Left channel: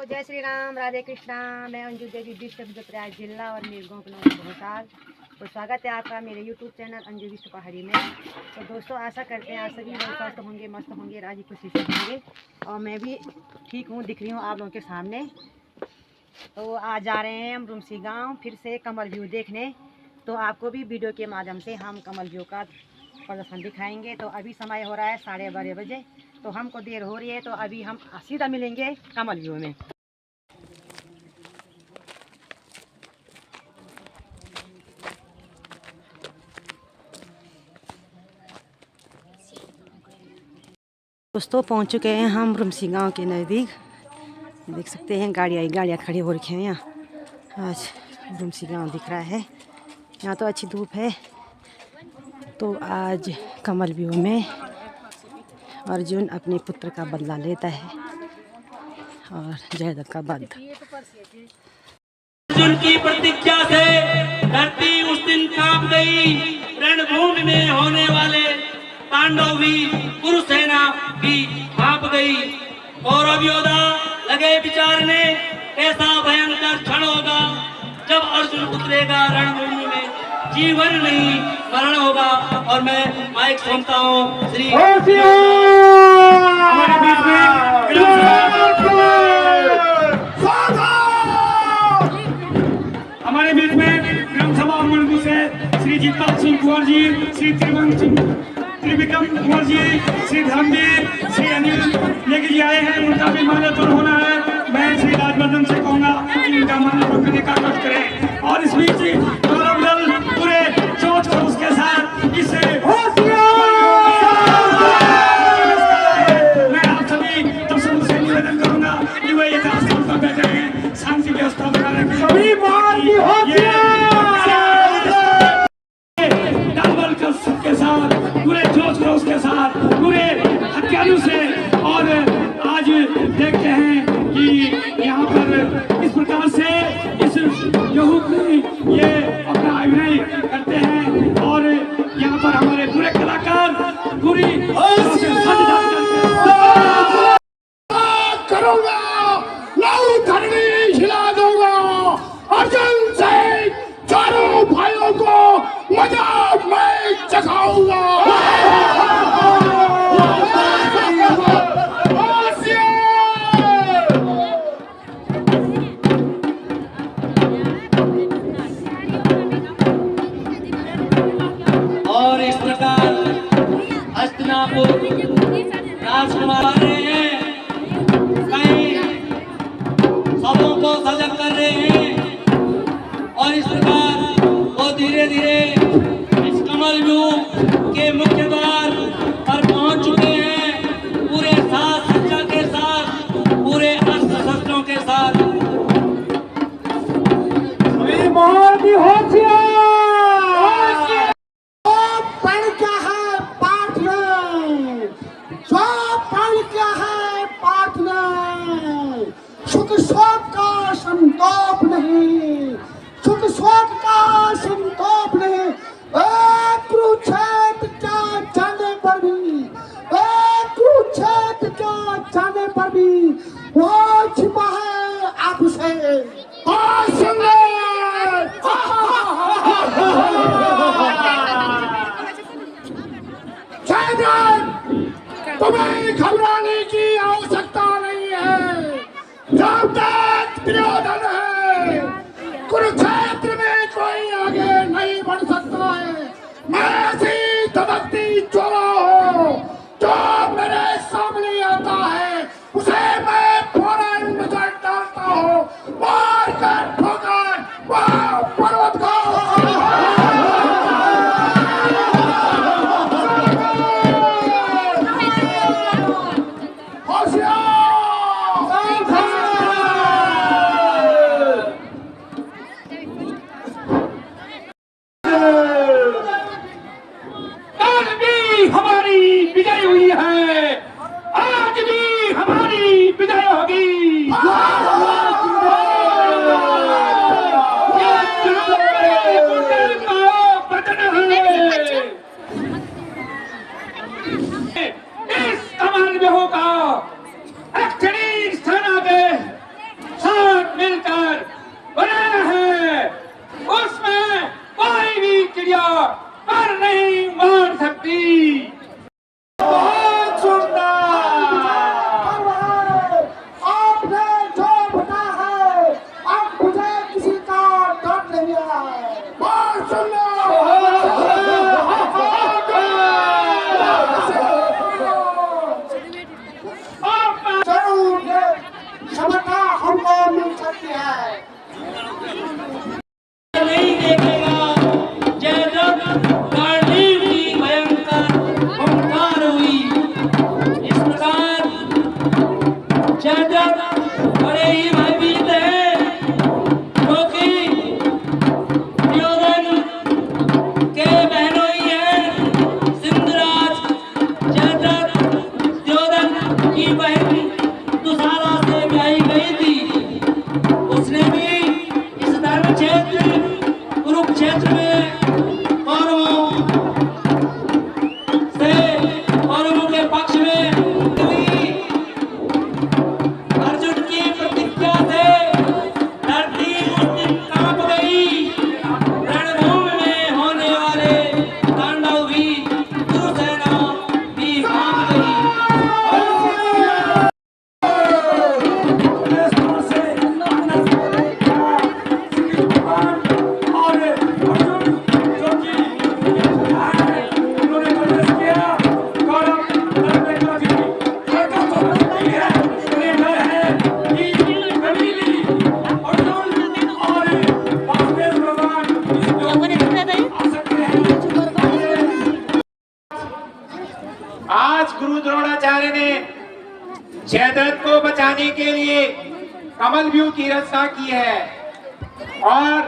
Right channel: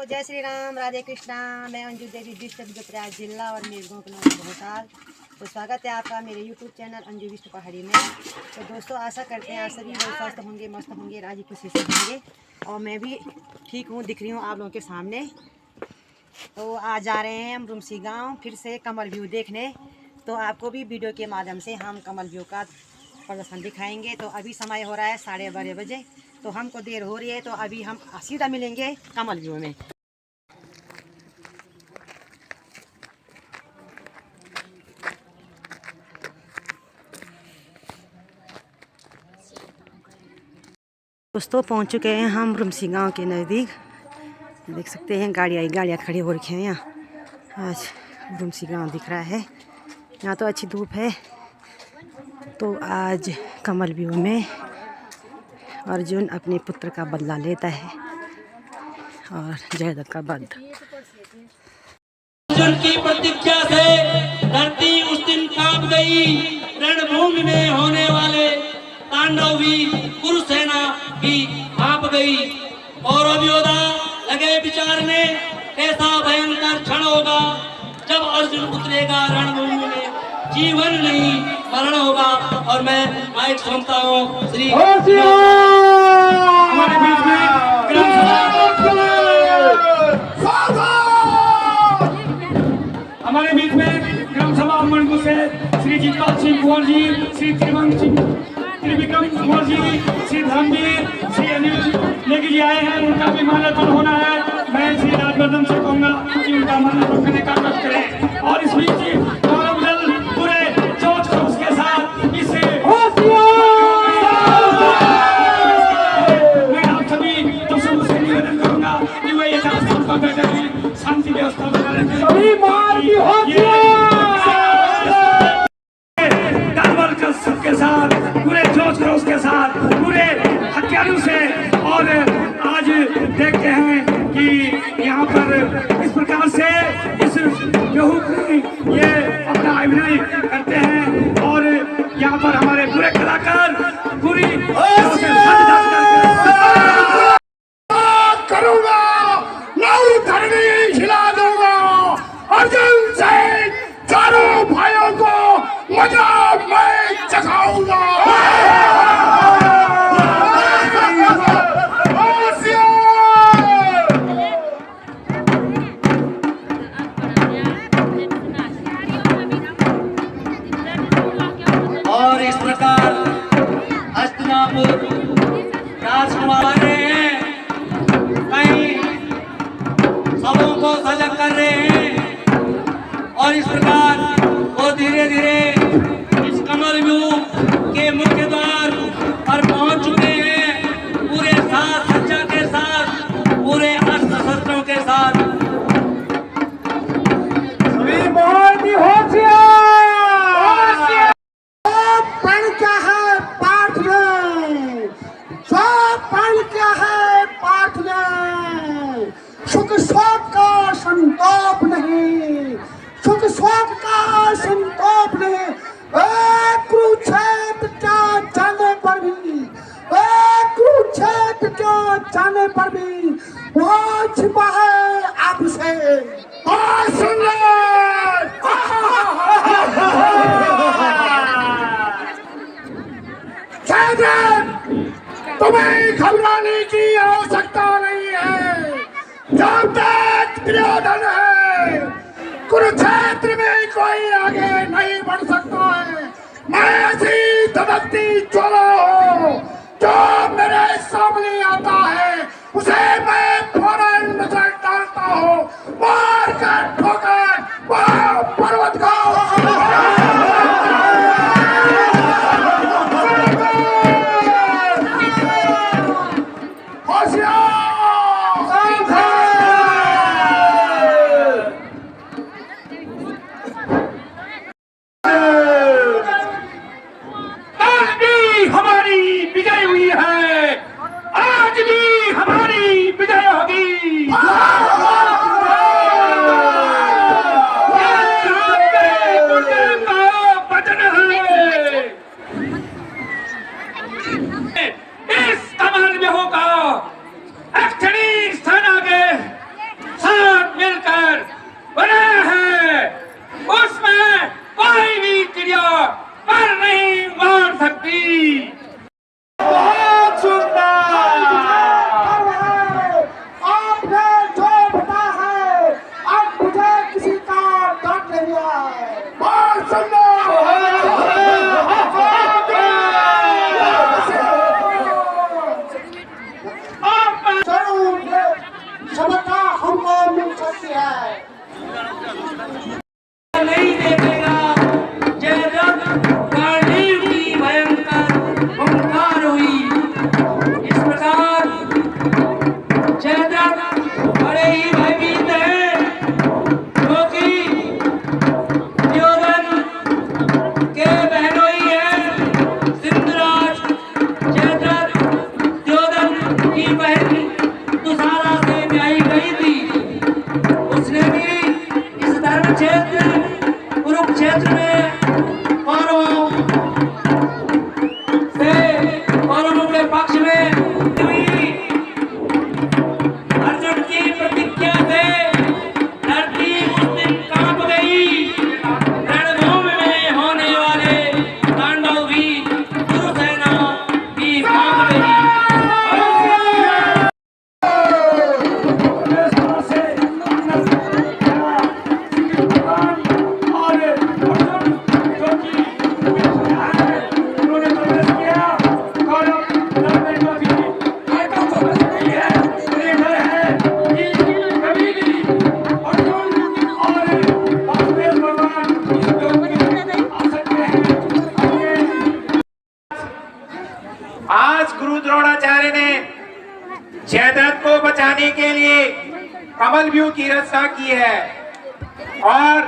जय श्री राम, राधे कृष्णा। मैं अंजू देवी, डिस्ट्रिक्ट प्रयाग जिला और मेरे गाँव का भोसाल। तो स्वागत है आपका मेरे यूट्यूब चैनल अंजू विष्णु पहाड़ी में। तो दोस्तों, आशा करते हैं आप सभी लोग स्वस्थ होंगे, मस्त होंगे, राजी खुशी से होंगे। और मैं भी ठीक हूँ, दिख रही हूँ आप लोगों के सामने। तो आज जा रहे हैं हम रुमसी गाँव फिर से कमल व्यू देखने। तो आपको भी वीडियो के माध्यम से हम कमल व्यू का प्रदर्शन दिखाएंगे। तो अभी समय हो रहा है 12:30 बजे। तो हमको देर हो रही है, तो अभी हम सीधा मिलेंगे कमल व्यू में। दोस्तों, पहुंच चुके हैं हम रुमसी गांव के नज़दीक। देख सकते हैं गाड़ियाँ खड़ी हो रखी हैं यहाँ। आज रुमसी गांव दिख रहा है। यहाँ तो अच्छी धूप है। तो आज कमल व्यू में अर्जुन अपने पुत्र का बदला लेता है और जयद्रथ का वध। अर्जुन की प्रतीक्षा से धरती उस दिन कांप गई। रणभूमि में होने वाले पांडव भी, कुरुसेना भी कांप गई। कौरव योद्धा लगे विचारने कैसा भयंकर क्षण होगा जब अर्जुन उतरेगा रणभूमि में। जीवन नहीं मरण होगा। और मैं माइक सुनता हूँ श्री हमारे बीच में हमारे बीच में ग्राम सभा मंडल से श्री जीतपाल सिंह कुंवर जी, श्री त्रिविक्रम कुंवर जी, श्री धर्मवीर, श्री अनिल लेके जी आए हैं। उनका भी माल्यार्पण होना है। मैं श्री राजवर्धन से कहूँगा कि उनका माल्यार्पण करने का कष्ट करें। और इस बीच गौरव दल पूरे जोश खरोश के साथ इसे मैं आप सभी दर्शकों से निवेदन करूँगा कि वह एक स्थान पर बैठे हैं, शांति व्यवस्था बना रखें। सभी मार की सबके साथ, पूरे जोश खरोश के साथ, पूरे हथियारों से। और आज देखते हैं कि यहाँ पर इस प्रकार से इस गेहूं की ये अपना अभिनय करते हैं। और यहाँ पर हमारे पूरे कलाकार पूरी करूँगा, लाऊ धरनी खिला दूंगा। अर्जुन से चारों भाइयों को मजा मैं चखाऊंगा। और इस प्रकार हस्तिनापुर राजकुमार हैं, कई सबों को सजग कर रहे हैं। और इस प्रकार वो धीरे धीरे इस कमल व्यू के मुख्य द्वार पर पहुंच चुके हैं, पूरे साज सज्जा के साथ, पूरे अस्त्र शस्त्रों के साथ। सुख शोक का संताप नहीं, सुख शोक का संताप नहीं। कुरुक्षेत्र क्या जाने पर भी, कुरुक्षेत्र क्या जाने पर भी वो छिपा है आपसे। तुम्हें घबराने की आवश्यकता नहीं है। जब तक दुर्योधन है, कुरुक्षेत्र में कोई आगे नहीं बढ़ सकता है। मैं ऐसी धमकती चोरा हूँ, जो मेरे सामने आता है उसे मैं फौरन नजर डालता हूँ, मार कर ठोकर पर्वत का हमारी विजय हुई है। आज भी हमारी विजय कैसे है? नहीं देखेगा। जयद्रथ गांडीव की भयंकर हुंकार हुई। इस प्रकार जयद्रथ बड़े ही भयभीत हैं, क्योंकि दुर्योधन के बहनोई हैं सिंधराज। जयद्रथ दुर्योधन की बहन दुशाला से ब्याही गई थी। उसने भी इस धर्म क्षेत्र कुरुक्षेत्र में कौरवों के पक्ष में हुई। अर्जुन की प्रतिज्ञा से धरती उस दिन कांप गई। रणभूमि में होने वाले तांडव भी कुरुसेना भी भाग गई। आज गुरु द्रोणाचार्य ने जयद्रथ को बचाने के लिए कमल व्यू की रचना की है और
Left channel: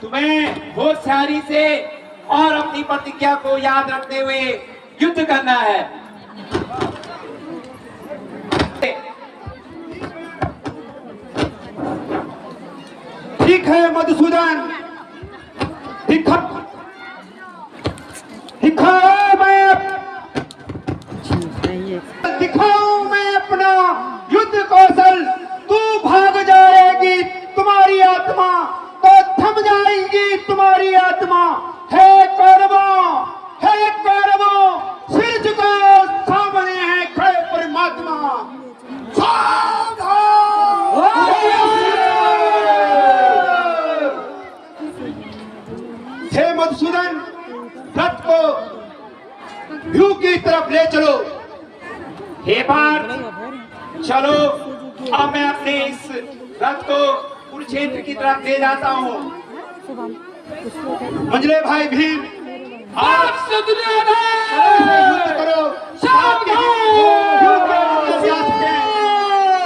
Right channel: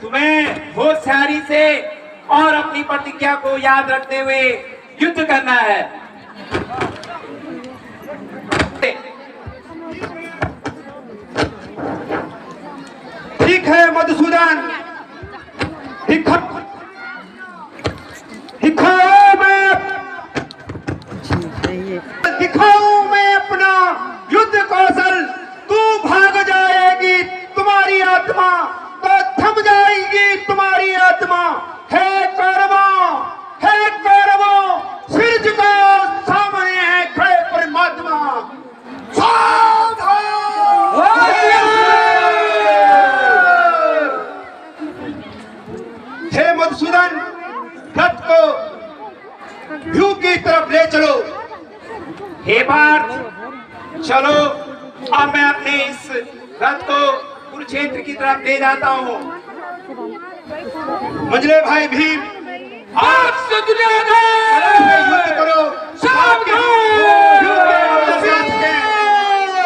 तुम्हें होशियारी से और अपनी प्रतिज्ञा को याद रखते हुए युद्ध करना है। ठीक है मधुसूदन, दिखाऊं मैं अपना युद्ध कौशल। तू भाग जाएगी तुम्हारी आत्मा तो थम जाएगी तुम्हारी आत्मा। हे कौरवों, सिर झुकाओ, सामने है खड़े परमात्मा। हे मधुसूदन, रथ को व्यू की तरफ ले चलो। हे पार्थ, चलो अब मैं अपने इस रथ को कुरुक्षेत्र की तरफ ले जाता हूँ। मंझले भाई भीम, आप युद्ध करो।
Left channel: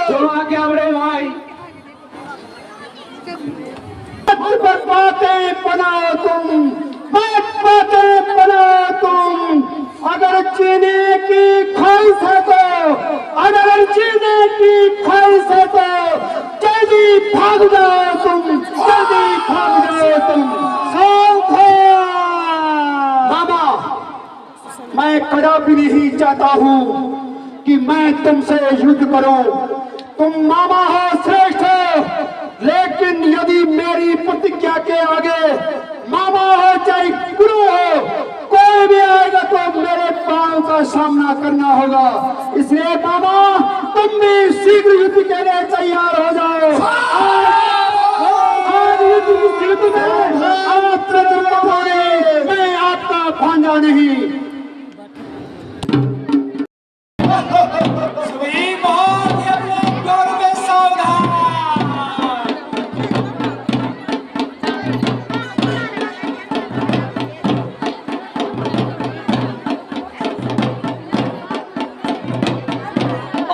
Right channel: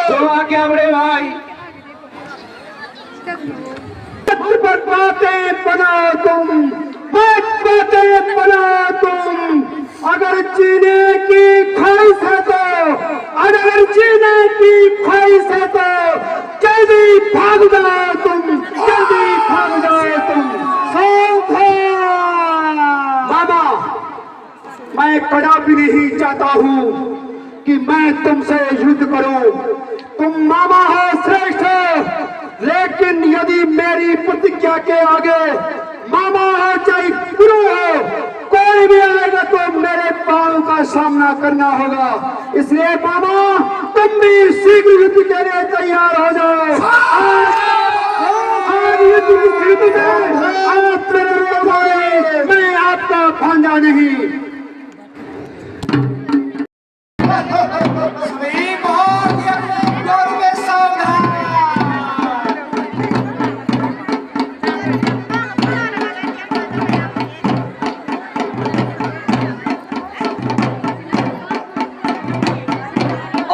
तो आ गया बड़े भाई। बातें बनाओ तुम, बातें बनाओ तुम। अगर जीने की ख्वाहिश है तो, अगर जीने की ख्वाहिश है तो जल्दी भाग जाओ तुम, जल्दी भाग जाओ तुम। बाबा, मैं कदापि नहीं चाहता हूँ कि मैं तुमसे युद्ध करूं। तुम मामा हो, श्रेष्ठ हो, लेकिन यदि मेरी प्रतिज्ञा के आगे मामा हो चाहे गुरु हो, कोई भी आएगा तो मेरे पांव का सामना करना होगा। इसलिए मामा, तुम भी शीघ्र युद्ध के लिए तैयार हो जाओ। आज युद्ध में आप मैं आपका भांजा नहीं।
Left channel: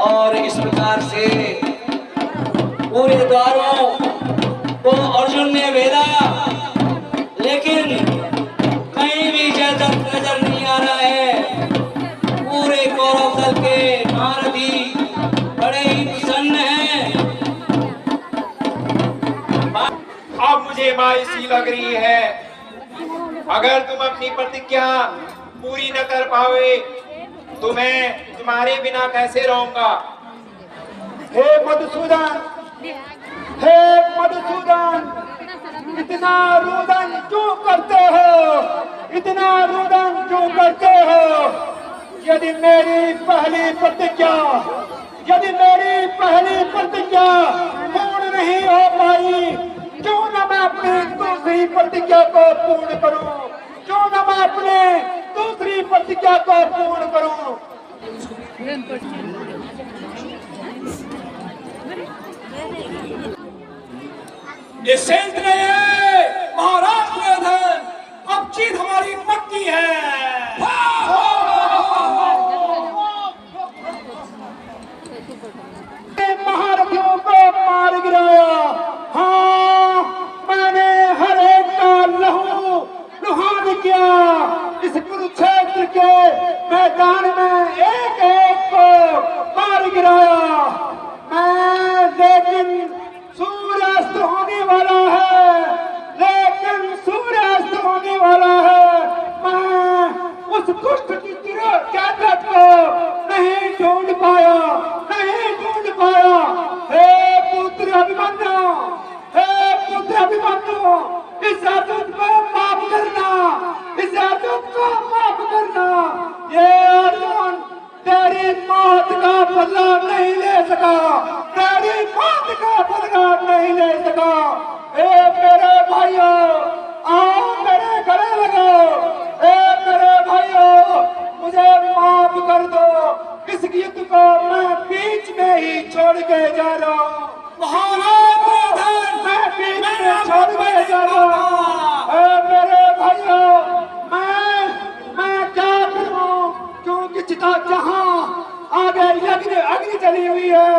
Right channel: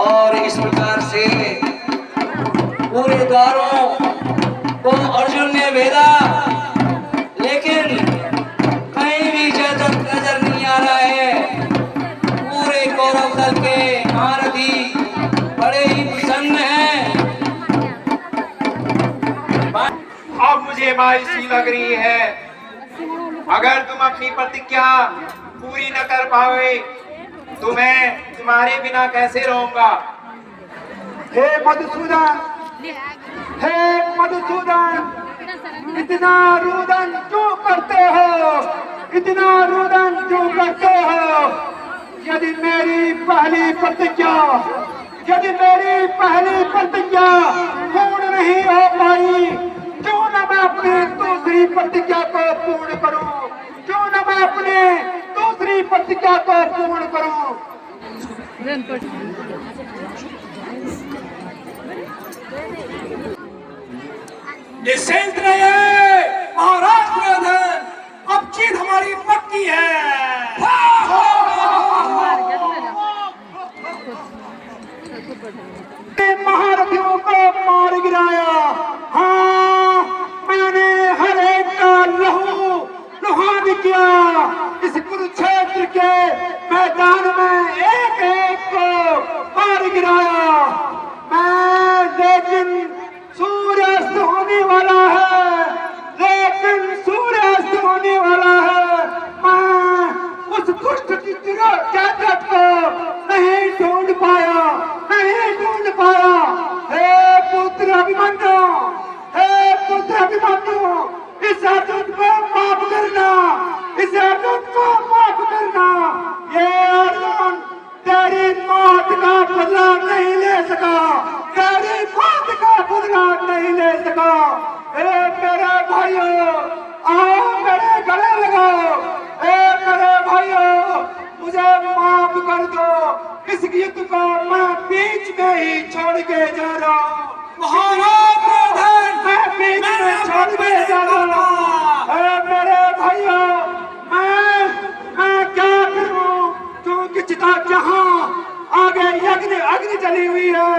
और इस प्रकार से पूरे द्वारों को अर्जुन ने भेदा, लेकिन कहीं भी जयद्रथ नजर नहीं आ रहा है। पूरे कौरव दल के महारथी बड़े ही प्रसन्न हैं। अब मुझे मायूसी लग रही है। अगर तुम अपनी प्रतिज्ञा पूरी न कर पाओगे तो मैं तुम्हारे बिना कैसे रहूंगा। हे मधुसूदन, इतना रुदन क्यों करते हो, इतना रुदन क्यों करते हो। यदि मेरी पहली प्रतिज्ञा पूर्ण नहीं हो पाई, क्यों न मैं अपनी दूसरी प्रतिज्ञा को पूर्ण करूं, क्यों न मैं अपने दूसरी प्रतिज्ञा को पूर्ण करूं। निश्चिंत रहिए महाराज दुर्योधन, अब जीत हमारी पक्की है। महारथियों को मार गिराया। हाँ, मैंने हर एक का लहू लुहान किया। इस कुरुक्षेत्र के मैदान में एक एक को मार गिराया मैं। लेकिन सूर्यास्त होने वाला है, लेकिन सूर्यास्त होने वाला है। मैं उस दुष्ट की ताकत को नहीं ढूंढ पाया, नहीं ढूंढ पाया। हे पुत्र अभिमन्यु, हे पुत्र अभिमन्यु, इस आतंक को माफ करना, इस आतंक को माफ करना। ये अर्जुन तेरी मौत का बदला नहीं ले सका, तेरी मौत का बदला नहीं ले सका। हे मेरे भाइयों, आओ मेरे गले लगाओ। हे मेरे भाइयों, मुझे माफ कर दो। इस युद्ध को मैं बीच में ही छोड़ के जा रहा हूँ। महाराज दुर्योधन, मैं बीच में छोड़ के जा रहा हूँ। हे मेरे भाइयों, मैं क्या करूँ, क्योंकि चिता जहाँ आगे यज्ञ अग्नि जली हुई है,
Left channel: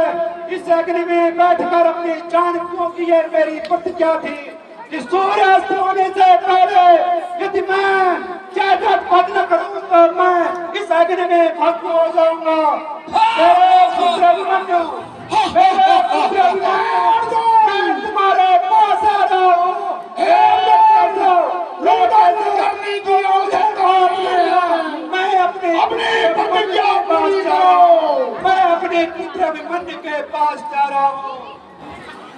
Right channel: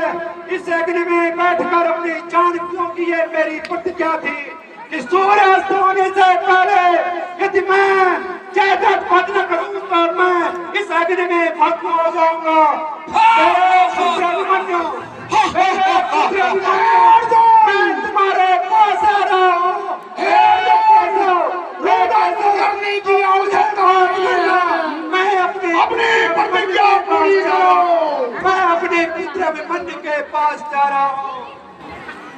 इस अग्नि में बैठकर अपनी जान क्यों की है। मेरी प्रतिज्ञा थी कि सूर्यास्त होने से पहले यदि मैं जायदाद प्राप्त न करूं तो मैं इस अग्नि में भस्म हो जाऊंगा। मेरे पुत्र अभिमन्यु, मेरे पुत्र अभिमन्यु, मैं तुम्हारे पास आ रहा हूँ। करने की आवश्यकता नहीं है। मैं अपने प्रतिज्ञा पूरी करो। मैं अपने पुत्र अभिमन्यु के पास जा रहा हूँ।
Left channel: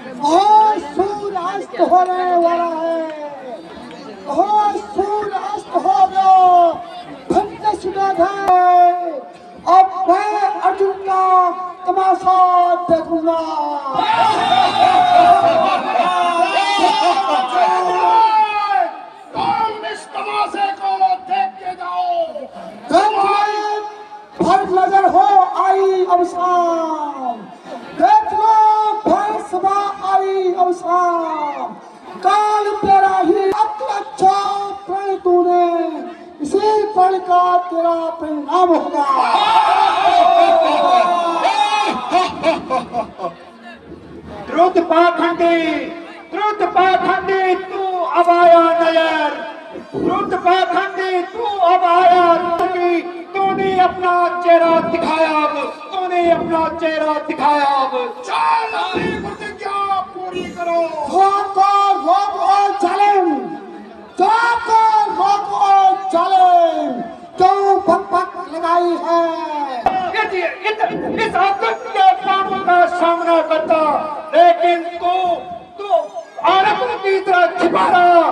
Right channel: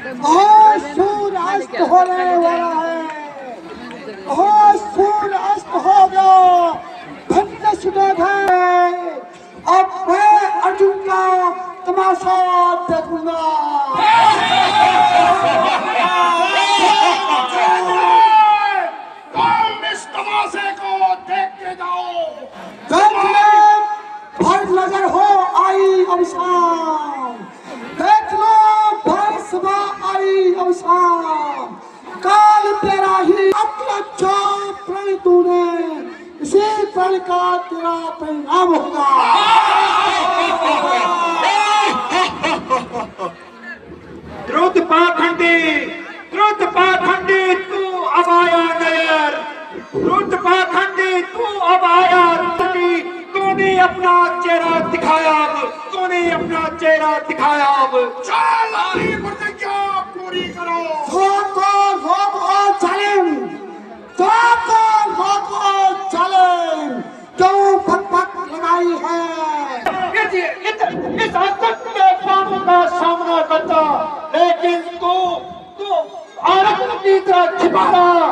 आज सूर्यास्त होने वाला है, आज सूर्यास्त हो गया। धन्य सुयोधन, अब मैं अर्जुन का तमाशा देखूंगा। तुम इस तमाशे को देख के जाओ। भर नजर हो आई अवसान, देख लो भर सभा आई अवसान। काल तेरा ही अच्छा प्रण तूने, इसी प्रण का तेरा परिणाम होगा। द्रुत पाखंडी तू अब आया नयर, द्रुत पाखंडी तू अब आया। तूने अपना चेहरा दिखाया अब, तूने अपना चेहरा दिखाया अब। चल अपनी प्रतिज्ञा पूरी करो। रोक और चलें, रोक और चलें, क्यों भटभट लगाई है। इस आतंक के प्राणों का सामना करता, लेकिन तू औरत की तरह छिपा रहा।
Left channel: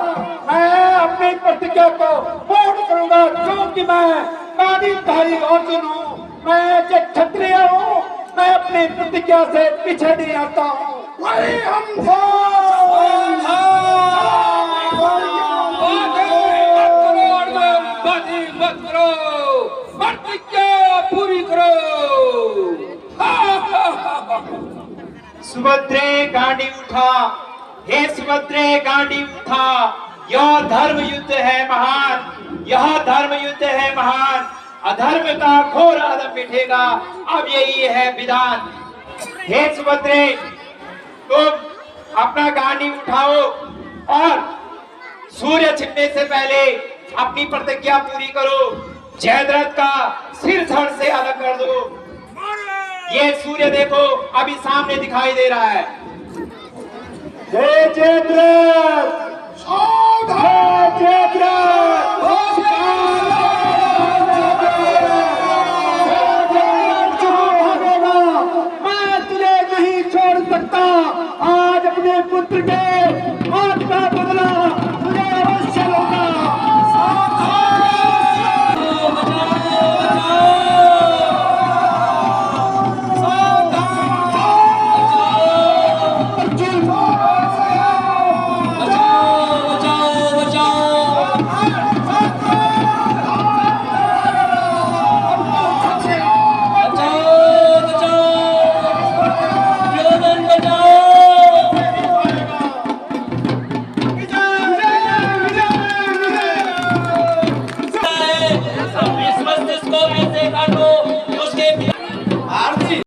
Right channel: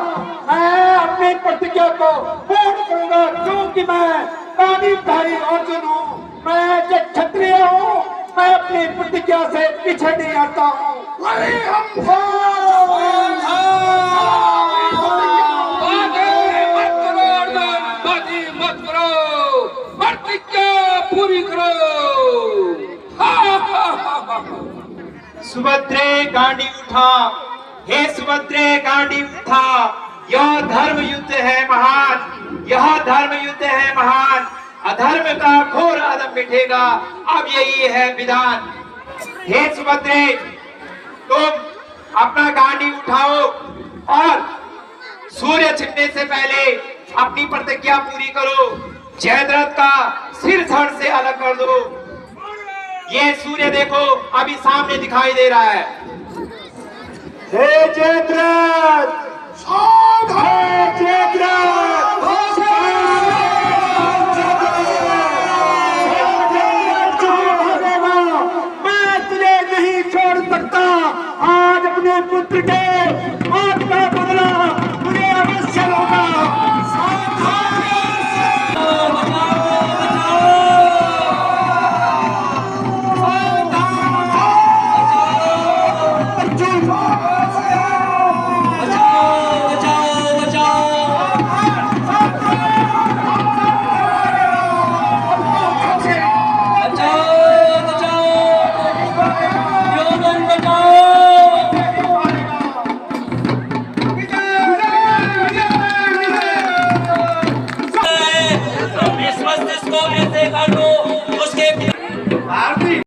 मैं अपनी प्रतिज्ञा को पूर्ण करूंगा, क्योंकि मैं पानीधारी अर्जुन हूँ, मैं जो क्षत्रिय हूँ। मैं अपनी प्रतिज्ञा से पीछे नहीं आता हूँ। मत करो, प्रतिज्ञा पूरी करो। सुभद्रे गांडी उठा, हे सुभद्रे गांडी उठा। यह धर्म युद्ध है महान, यह धर्म युद्ध है महान। अधर्म का घोर अधम मिटेगा, अब यही है विधान। हे सुभद्रे, तुम अपना गांडी उठाओ और सूर्य छिपने से पहले अपनी प्रतिज्ञा पूरी करो। जयद्रथ का सिर धड़ से अलग कर दो। ये सूर्य देखो अभी सामने दिखाई दे रहा है। हे जयद्रथ, हे जयद्रथ, मैं तुझे नहीं छोड़ सकता। आज अपने पुत्र के